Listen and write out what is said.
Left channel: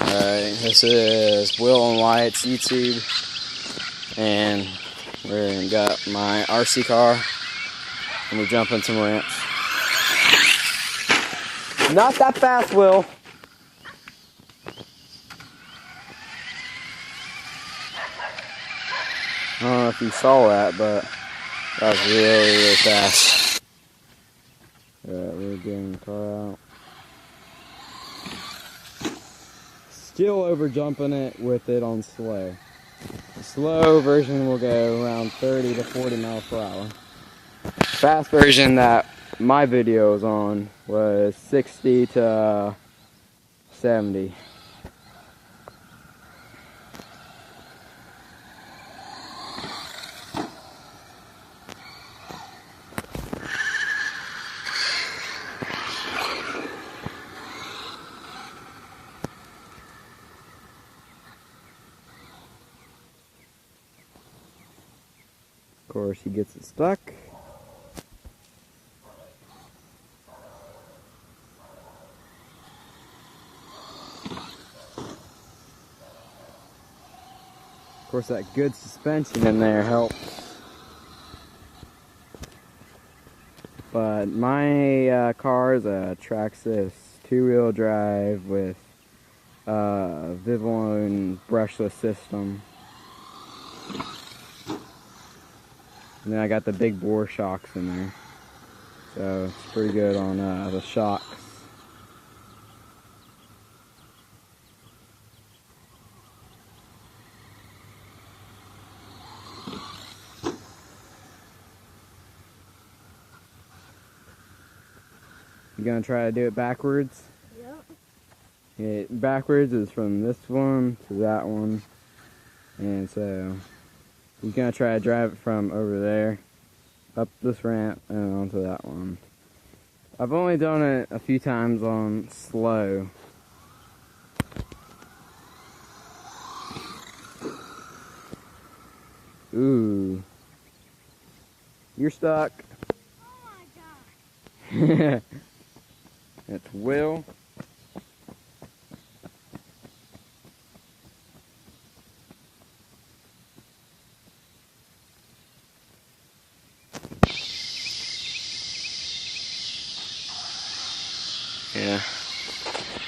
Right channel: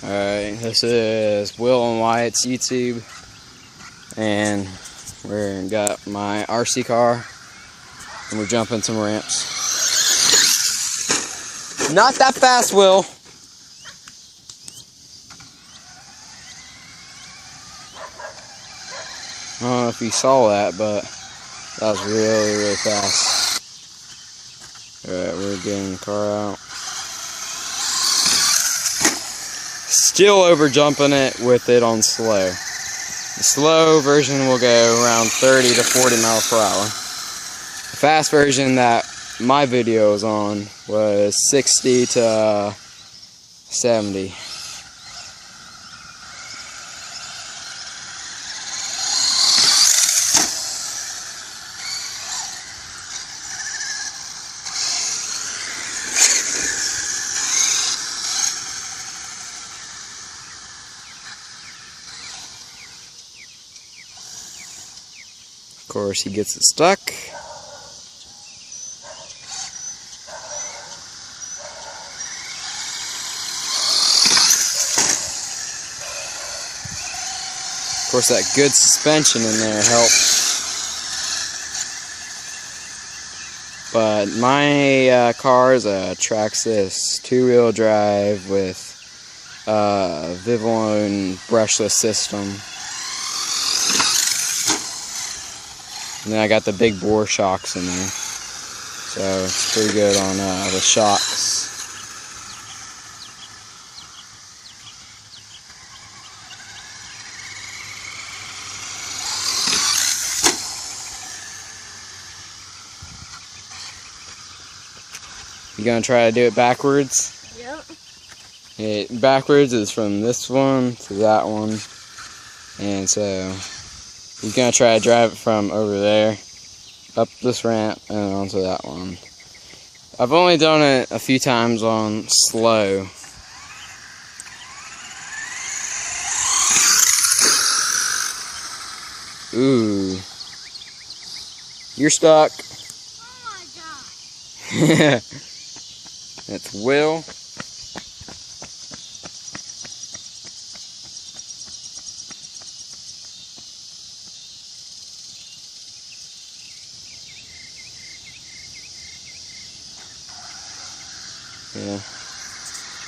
Alright, this is Will and Wyatt's YouTube, and we got my RC car, and we're jumping some ramps. Not that fast, Will! I don't know if you saw that, but that was really, really fast. Alright, we're getting the car out. Still over jumping it with it on slow. The slow version will go around 30 to 40 miles per hour. The fast version that my video was on was 60 to 70. Of course, he gets it stuck. Of course, that good suspension in there helps. But my car is a Traxxas 2-wheel drive with Vivillon brushless system. And then I got the big bore shocks in there, so it's pretty good on the shocks. You gonna try to do it backwards? Yep. Backwards is from this one to that one, and so you're gonna try to drive it from over there up this ramp and onto that one. I've only done it a few times on slow. Ooh, you're stuck. Oh my God. That's Will. Yeah.